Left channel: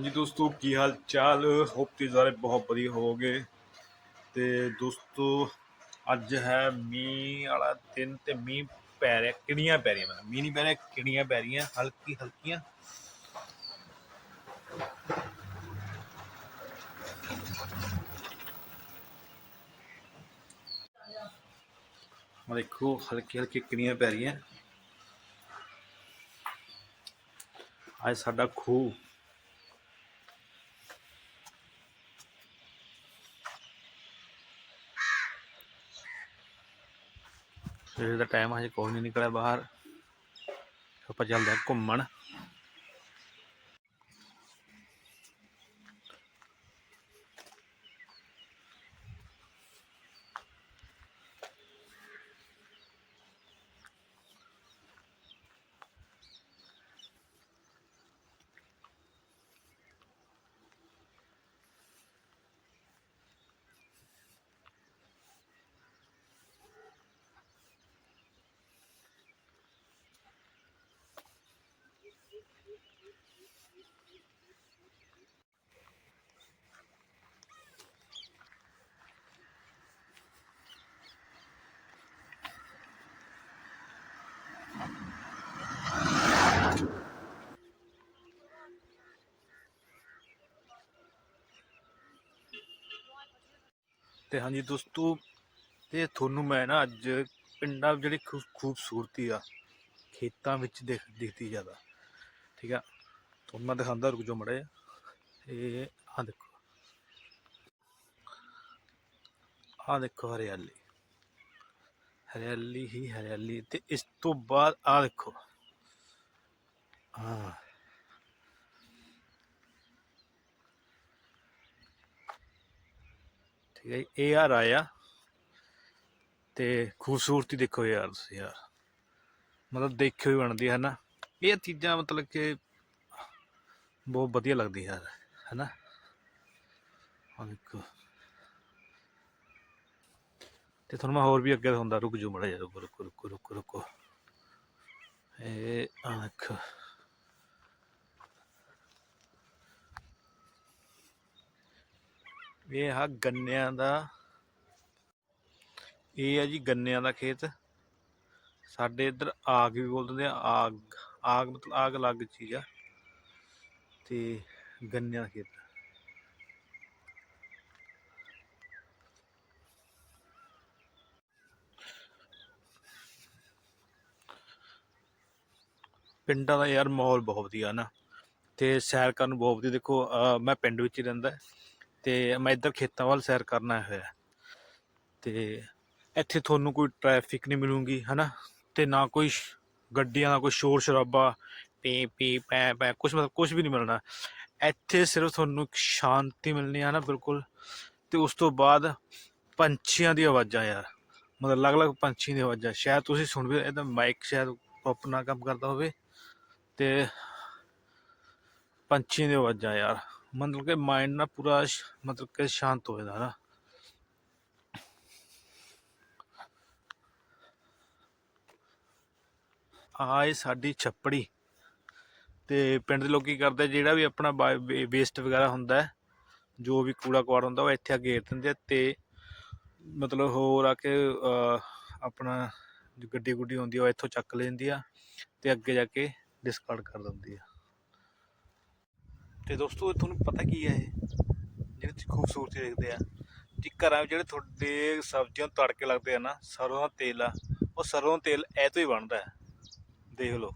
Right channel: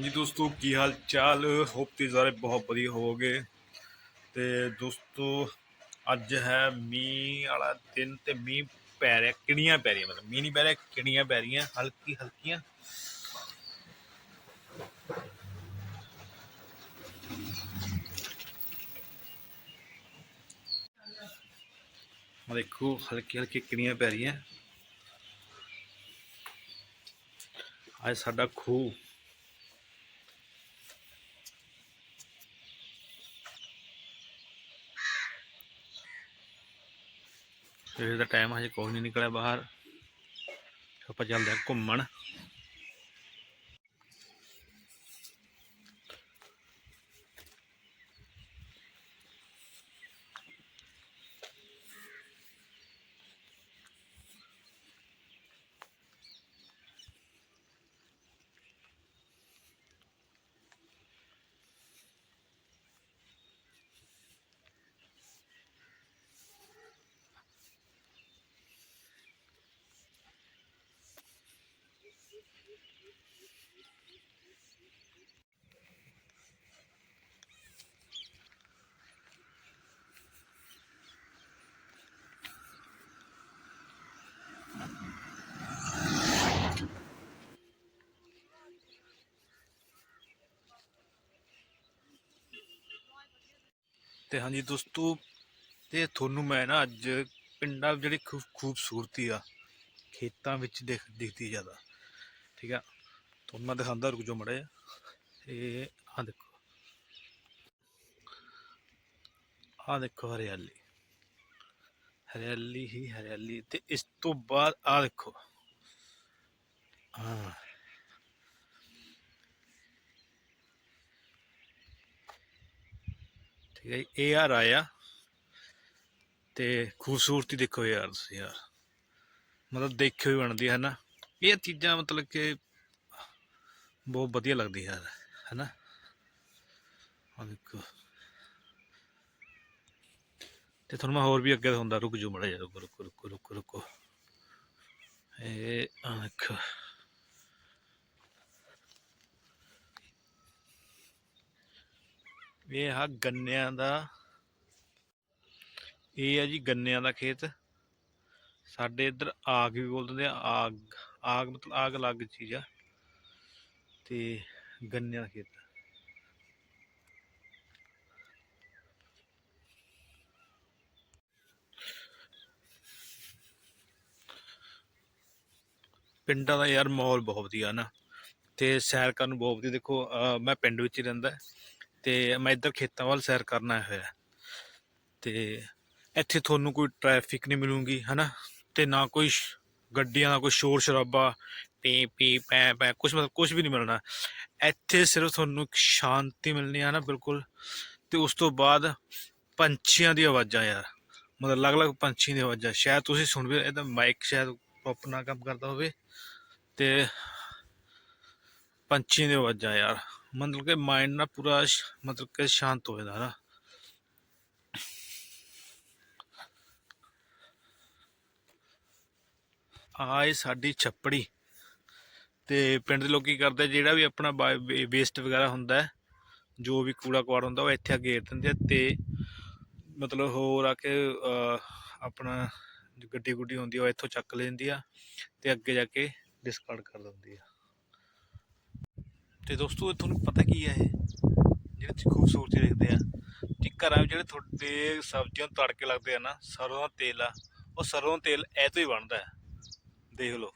ਹਾਂਜੀ ਦੋਸਤੋ, ਕੀ ਹਾਲ ਚਾਲ ਹੋਪ ਤੁਸੀਂ ਸਾਰੇ ਬਹੁਤ ਵਧੀਆ ਹੋਵੋਗੇ। ਤੇ ਦੋਸਤੋ, ਅੱਜ ਹੈ ਮੀਂਹ ਵਾਲਾ ਦਿਨ ਤੇ ਮੀਂਹ ਪੈ ਰਿਹਾ ਕਿਣੀਆਂ ਪੈ ਰਹੀਆਂ? ਮਤਲਬ ਮੀਂਹ ਨਹੀਂ ਪੈ ਰਿਹਾ ਕਿਣੀਆਂ ਪੈ ਰਹੀਆਂ? ਹਲਕੀ ਹਲਕੀਆਂ। ਆਹ ਦੇਖੋ, ਹਲਕੀ ਹਲਕੀ ਕਿਣੀਆਂ ਪੈ ਰਹੀਆਂ। ਅੱਜ ਸਾਡਾ ਖੂਹ। ਸਵੇਰ ਦਾ ਟਾਈਮ ਹਜੇ ਕੋਈ ਨਹੀਂ ਨਿਕਲਿਆ ਬਾਹਰ। ਆਪਾਂ ਚੱਲਦੇ ਘੁੰਮਣ। ਤੇ ਹਾਂਜੀ ਦੋਸਤੋ, ਤੇ ਤੁਹਾਨੂੰ ਮੈਂ ਨਾ ਅੱਜ ਪਿੰਡਾਂ ਜਿਹੜੀ ਖੂਬਸੂਰਤੀ ਆ, ਖੇਤਾਂ ਵਿੱਚ ਦਿਖ ਦਿਖਦੀ ਜ਼ਿਆਦਾ। ਠੀਕ ਆ? ਤੁਹਾਨੂੰ ਮੈਂ ਦਿਖਾਉਂਦਾ ਰੁਕ ਜਾਓ ਮੜੇ ਇਹ ਆ ਦੇਖੋ। ਆ ਦੇਖੋ ਹਰਿਆਲੀ। ਹਰਿਆਲੀ ਹੀ ਹਰਿਆਲੀ। ਤੇ ਇਸ ਤੋਂ ਬਾਅਦ ਆ ਦੇਖੋ। ਹਾਂ ਠੀਕ ਹੈ ਇਹ ਯਾਰ ਆਇਆ ਤੇ ਖੂਬਸੂਰਤੀ ਦੇਖੋ ਯਾਰ ਤੁਸੀਂ ਯਾਰ। ਮਤਲਬ ਦੇਖਿਓ ਹੀ ਬਣਦੀ ਹੈ ਨਾ ਇਹ ਚੀਜ਼ਾਂ ਮਤਲਬ ਕਿ ਬਹੁਤ ਵਧੀਆ ਲੱਗਦੀ ਯਾਰ ਹੈਨਾ? ਆ ਦੇਖੋ। ਤੇ ਤੁਹਾਨੂੰ ਮੈਂ ਹੋਰ ਵੀ ਅੱਗੇ ਹੁੰਦਾ, ਰੁਕ ਜੂ ਮੜਾ ਜਾ ਰੁਕੋ ਰੁਕੋ ਰੁਕੋ ਰੁਕੋ, ਰੁਕ। ਇਹ ਆ ਦੇਖੋ। ਇਹ ਆ ਗੰਨਿਆਂ ਦਾ, ਇਹ ਆ ਜੀ ਗੰਨਿਆਂ ਦਾ ਖੇਤ। ਸਾਡੇ ਇੱਧਰ ਆਗ ਵੀ ਬੋਲ ਦਿੰਦੇ ਆ ਆਗ। ਆਗ ਮਤਲਬ ਆਗ ਅਲੱਗ ਚੀਜ਼ ਆ ਤੇ ਗੰਨੇ ਦਾ ਖੇਤ ਪਿੰਡਾਂ ਦਾ ਯਾਰ ਮਾਹੌਲ ਬਹੁਤ ਵਧੀਆ ਨਾ, ਤੇ ਸੈਰ ਕਰਨ ਬਹੁਤ ਵਧੀਆ। ਦੇਖੋ ਮੈਂ ਪਿੰਡ ਵਿੱਚ ਹੀ ਰਹਿੰਦਾ ਤੇ ਮੈਂ ਇੱਧਰ ਖੇਤਾਂ ਵੱਲ ਸੈਰ ਕਰਨ ਆਇਆ ਹੋਇਆ ਤੇ ਇੱਥੇ ਤੁਹਾਨੂੰ ਕੋਈ ਟ੍ਰੈਫਿਕ ਨਹੀਂ ਮਿਲੂਗੀ, ਹਨਾ? ਤੇ ਨਾ ਕੋਈ ਗੱਡੀਆਂ ਦਾ ਕੋਈ ਸ਼ੋਰ ਸ਼ਰਾਬਾ, ਪੀ ਪੀ, ਪੈ ਪੈ ਕੁਝ ਮਤਲਬ ਕੁਝ ਵੀ ਨਹੀਂ ਮਿਲਣਾ। ਇੱਥੇ ਸਿਰਫ ਤੁਹਾਨੂੰ ਇੱਕ ਸ਼ਾਂਤੀ ਮਿਲਣੀ ਹੈ ਨਾ ਬਿਲਕੁਲ। ਤੇ ਉਸ ਤੋਂ ਬਾਅਦ ਪੰਛੀਆਂ ਦੀ ਆਵਾਜ਼ਾਂ ਯਾਰ। ਮਤਲਬ ਅਲੱਗ-ਅਲੱਗ ਪੰਛੀਆਂ ਦੀ ਆਵਾਜ਼ਾਂ। ਸ਼ਾਇਦ ਤੁਸੀਂ ਸੁਣ ਵੀ ਇਹਦਾ ਮਾਈਕ ਸ਼ਾਇਦ ਪ੍ਰੋਪਰ ਨਾ ਕੰਮ ਕਰਦਾ ਹੋਵੇ। ਤੇ ਪੰਛੀਆਂ ਦੀ ਆਵਾਜ਼ਾਂ ਯਾਰ। ਮਤਲਬ ਕਿ ਮਾਈਂਡ ਨਾ ਪੂਰਾ ਮਤਲਬ ਕਿ ਸ਼ਾਂਤ ਹੋ ਜਾਂਦਾ ਨਾ। ਆਏ ਸਾਡੀ ਛੱਪੜੀ। ਤੇ ਪਿੰਡ ਦੇ ਲੋਕ ਕੀ ਕਰਦੇ, ਜਿਹੜਾ ਵੀ ਆਪਣਾ ਵੇਸਟ ਵਗੈਰਾ ਹੁੰਦਾ ਜੋ ਵੀ ਕੂੜਾ ਕਵਾੜ ਹੁੰਦਾ, ਉਹ ਇੱਥੇ ਗੇਰ ਦਿੰਦੇ ਆ ਤੇ ਮਤਲਬ ਹੋਰ ਆ ਕੇ ਆਪਣਾ ਗੱਡੀ ਗੁੱਡੀ ਹੁੰਦੀ ਆ, ਉਹ ਇੱਥੋਂ ਚੱਕ ਲੈਂਦੀ ਆ ਤੇ ਅੱਗੇ ਜਾ ਕੇ ਡਿਸਕਾਰਡ ਕਰ ਦਿੰਦੀ ਆ। ਤੇ ਦੋਸਤੋ ਤੁਹਾਨੂੰ ਪਤਾ ਕੀ ਹੈ ਇਹ? ਜਿਹੜੇ ਤੁਸੀਂ ਖੂਬਸੂਰਤੀ ਦੇਖਦੇ ਆ, ਕਿ ਘਰਾਂ ਵਿੱਚ ਜਿਹੜੇ ਤੁਹਾਡੇ ਸਬਜ਼ੀਆਂ ਨੂੰ ਤੜਕੇ ਲੱਗਦੇ ਆ ਨਾ, ਸਰੋਂ ਦਾ ਤੇਲ ਆ, ਉਹ ਸਰੋਂ ਦਾ ਤੇਲ ਇਹ ਤੋਂ ਹੀ ਬਣਦਾ ਹੈ। ਦੇਖ ਲਓ।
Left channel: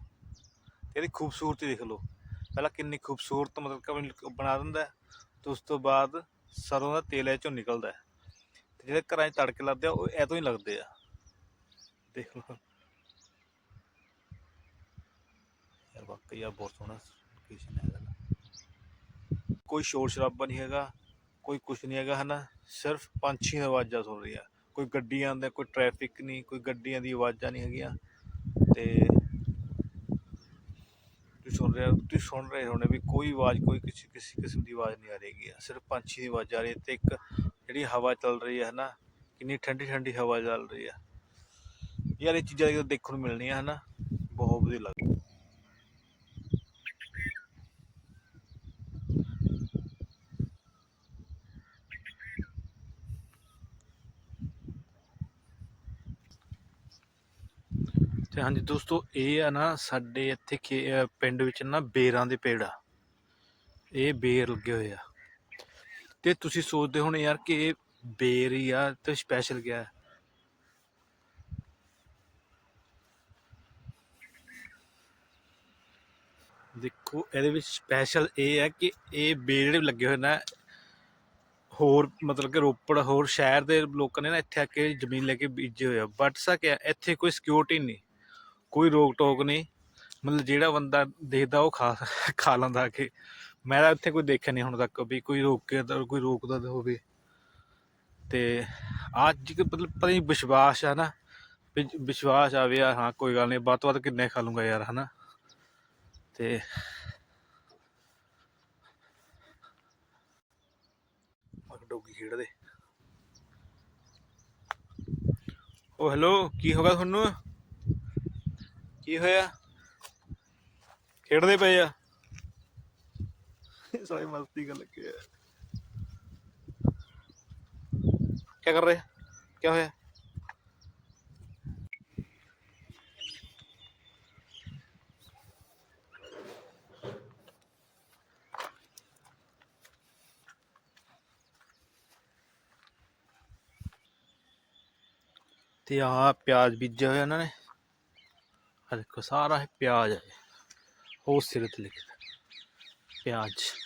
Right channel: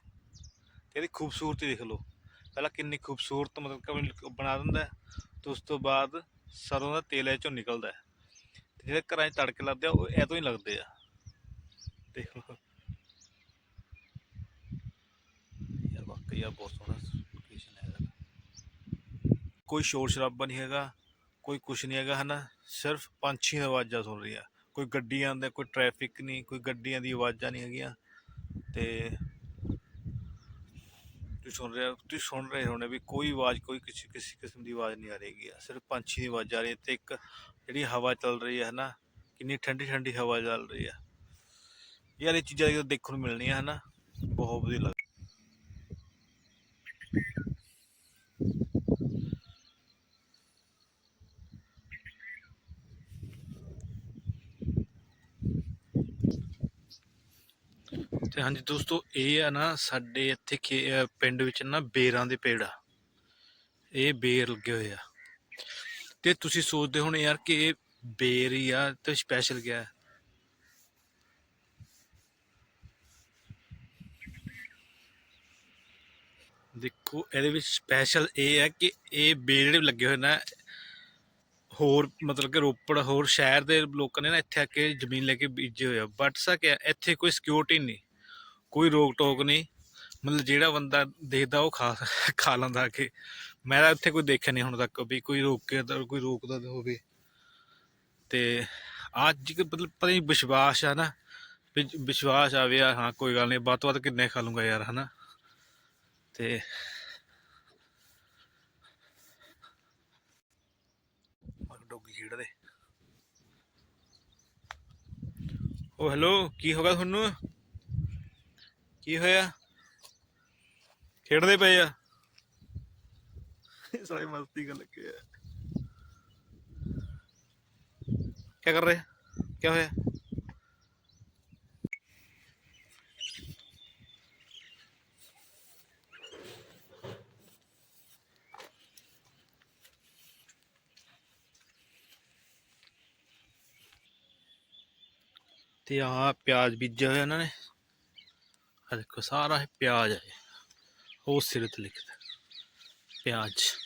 ਇਹਦੀ ਖੂਬਸੂਰਤੀ ਦੇਖ ਲਓ। ਪਹਿਲਾਂ ਕਿੰਨੀ ਖੂਬਸੂਰਤ ਮਤਲਬ ਕਿ ਬਣਾ ਦਿੰਦਾ ਹੈ, ਤੇ ਉਸ ਤੋਂ ਬਾਅਦ ਸਰੋਂ ਦਾ ਤੇਲ ਇਹ ਚੋਂ ਨਿਕਲਦਾ ਹੈ। ਤੇ ਜਿਹੜੇ ਘਰਾਂ 'ਚ ਤੜਕੇ ਲੱਗਦੇ ਆ ਉਹ ਇਹ ਤੋਂ ਹੀ ਲੱਗਦੇ ਆ। ਦੇਖ ਲਓ। ਯਾਰ ਵਾਕਈ ਆ ਬਹੁਤ ਸੋਹਣਾ ਲੋਕੇਸ਼ਨ ਹੈ ਕੋਈ ਸ਼ੋਰ ਸ਼ਰਾਬਾ ਨਹੀਂ ਹੈਗਾ ਕੋਈ ਕੁਛ ਨਹੀਂ ਹੈਗਾ ਹਨਾ? ਸਿਰਫ ਪੰਛੀਆਂ ਆਵਾਜ਼ਾਂ ਸੁਣ ਰਹੀ ਆ। ਕੋਈ ਗੱਡੀਆਂ ਦਾ ਕੋਈ ਟ੍ਰੈਫਿਕ ਨਹੀਂ ਕੋਈ ਗੱਡੀਆਂ ਦੀ ਆਵਾਜ਼ਾਂ ਨਹੀਂ ਹੈਗੀਆਂ। ਤੇ ਸੁਣ ਰਹੇ ਹੋ, ਤੁਸੀਂ ਸੁਣ ਰਹੇ ਹੋਣੇ ਵੀ ਕੋਈ ਆਵਾਜ਼, ਕੋਈ ਕਿਸੇ ਕਿਸੇ ਕਿਸਮ ਦੀ ਆਵਾਜ਼ ਨਹੀਂ ਆ ਰਹੀ ਹੈ। ਸਿਰਫ ਪੰਛੀ ਦੀ ਆਵਾਜ਼ ਆ ਰਹੀ ਹੈ ਤੇ ਇੱਕ ਜਿਹੜੀ ਹਵਾ ਚੱਲ ਰਹੀ ਹੈ ਹਨਾ, ਕਿੰਨੀ ਠੰਡੀ ਠੰਡੀ ਹਵਾ ਚੱਲ ਰਹੀ ਹੈ। ਯਾਰ ਇਹ ਚੀਜ਼ਾਂ ਜਦੋਂ ਦੇਖਣ ਨੂੰ ਮਿਲਣੀਆਂ ਹਨਾ, ਬਹੁਤ ਵਧੀਆ ਲੱਗਦਾ। ਹਾਂਜੀ ਦੋਸਤੋ, ਇਹ ਆ ਨਾ ਸਾਡੇ ਇੱਥੇ ਖੇ- ਅਹ ਪਿੰਡ ਵਿੱਚ ਨਾ ਬੇਰਾਂ ਦੇ ਪੇੜ ਆ। ਇਹ ਬੇਰ ਲੱਗੇ ਹੋਏ ਆ। ਤੇ ਤੁਸੀਂ ਸੋਚਦੇ ਹੋਣੇ ਯਾਰ ਕਿ ਇਹ ਬੇਰ ਹੀ ਆ ਤੇ ਸਪੈਸ਼ਲ ਗਿਆ ਹੈ? ਦੇਖੋ, ਇਹਦੇ ਵਿੱਚ ਸਪੈਸ਼ਲ ਇਹ ਹੈ ਕਿ ਇਹ ਬੇਰ ਜਿਹੜੇ ਲੱਗੇ ਹੋਏ ਨਾ, ਹੋਰ ਮਤਲਬ ਕਿ ਰੋਪੜ, ਹੋਰ ਸ਼ਹਿਰ ਦੇ ਲੋਕਾਂ ਨੇ ਨਾ ਇੱਥੇ ਆ ਕੇ ਜ਼ਮੀਨ ਲੈ ਕੇ ਬੀਜੇ ਹੋਏ ਆ। ਬਟ ਸਾ ਇੱਥੇ ਕੋਈ ਸਿਕਿਉਰਿਟੀ ਨਹੀਂ। ਕੋਈ ਰੋਕ ਟੋਕ ਨਹੀਂ। ਮਤਲਬ ਜਿਹੜਾ ਬੰਦਾ ਦੇਖਦਾ ਉਹ ਖਾ ਖਾ ਲੈਂਦਾ ਆ ਮੈਂ ਤਾਂ ਇੱਥੇ ਕੋਈ ਦੇਖਿਆ ਨਹੀਂ ਹੁਣ ਤੱਕ ਵੀ ਕੋਈ ਰੋਕੇ ਕੋਈ ਰੋਕਦਾ ਹੋਵੇ। ਤੇ ਅੱਜ ਕਿ ਮਤਲਬ ਪਤਾ ਨਹੀਂ ਵਿਸ਼ਵਾਸ ਆ ਨਾ। ਵਿਸ਼ਵਾਸ ਆਵੇ ਵੀ ਆ, ਹਾਂ ਕੋਈ ਗੱਲ ਨਹੀਂ ਵੱਧ ਤੋਂ ਵੱਧ ਕਿੰਨੇ ਖਾ ਲੂੰਗਾ ਯਾਰ ਹਨਾ। ਤੇ ਡੋਗੀ ਖੇਡਦੇ। ਓ ਹੈਲੋ ਕੀ ਹੋ ਗਿਆ ਤੁਹਾਨੂੰ? ਕੀ ਹੋਇਆ? ਖੇਡਦੇ ਪਏ ਆ। ਸਾਰੀ ਮਸਤੀ ਕਰ ਲੱਗੇ ਆ। ਕੀ ਕਰ ਰਹੇ? ਕੀ ਹੋਇਆ? ਤੇ ਆ ਪਿਆਜ਼ ਬੀਜਿਆ ਹੋਇਆ ਇਹਨਾਂ ਨੇ। ਆ ਦੇਖੋ ਸਾਰਾ ਇਹ ਪਿਆਜ਼ ਹੈ ਉਹ ਸਿਰੇ ਤੇ ਲਿਖਦਾ ਪਿਆਜ਼।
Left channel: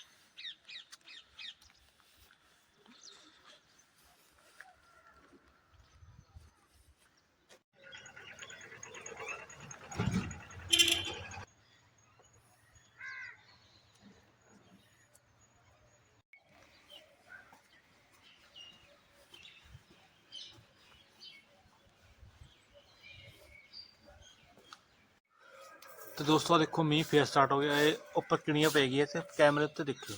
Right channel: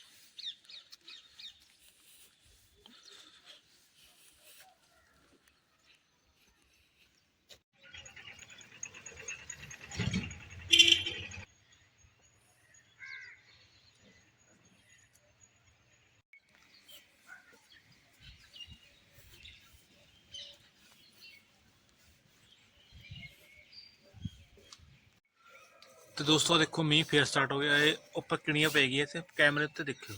ਦੋਸਤੋ ਦੇਖੋ, ਮੀਂਹ ਫੇਰ ਸਟਾਰਟ ਹੋ ਗਿਆ। ਇਹ ਉੱਪਰ ਕਿਣੀਆਂ ਪੈ ਗਈਆਂ ਤੇ ਕੈਮਰੇ ਤੇ ਦੇਖਿਓ।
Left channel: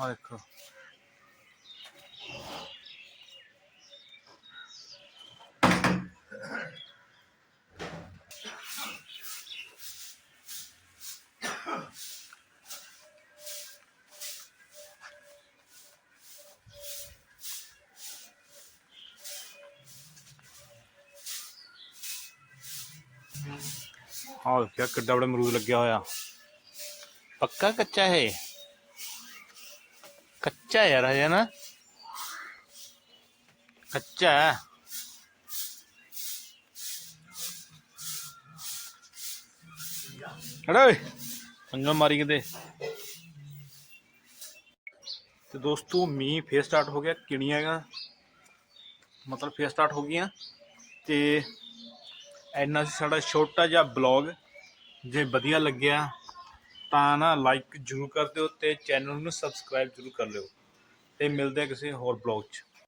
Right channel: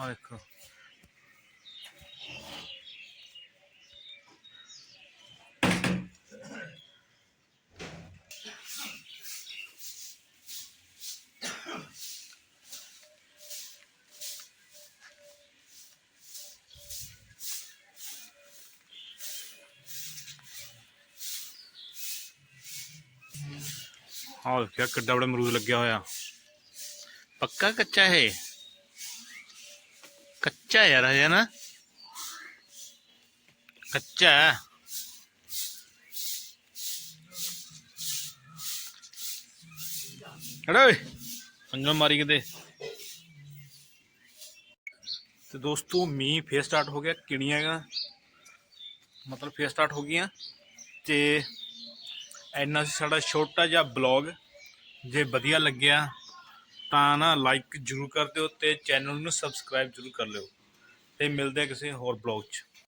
ਆ ਦੇਖੋ। ਆਹ ਦੇਖਿਆ ਕਿੱਡਾ ਬੜਾ ਅਮਰੂਦ ਲੱਗਿਆ ਹੋਇਆ। ਪੱਕਾ ਕੱਚਾ ਹੈ ਕੱਚਾ ਯਾਰ ਹੈ ਨਾ। ਕੱਚਾ। ਹੈ। ਓਏ ਪੰਗਾ ਮਾਰੀ ਕਿਤੇ। ਤੇ ਦੋਸਤੋ, ਮੀਂਹ ਫੇਰ ਸਟਾਰਟ ਹੋ ਗਿਆ, ਕਿਣੀਆਂ ਮਤਲਬ ਫੇਰ ਸਟਾਰਟ ਹੋ ਗਈਆਂ। ਤੇ ਇੰਨਾ ਸੀ ਸਾਡਾ ਛੋਟਾ ਜਿਹਾ ਬਲੌਗ ਜੇ ਵਧੀਆ ਲੱਗਿਆ ਤਾਂ ਨਾ ਲਾਈਕ ਜਰੂਰ ਕਰ ਦਿਓ ਤੇ ਚੈਨਲ ਨੂੰ ਸਬਸਕ੍ਰਾਈਬ ਜਰੂਰ ਕਰ ਲਿਓ। ਤੇ ਮਿਲਦੇ ਆ ਕਿਸੇ ਹੋਰ ਬਲੌਗ 'ਚ।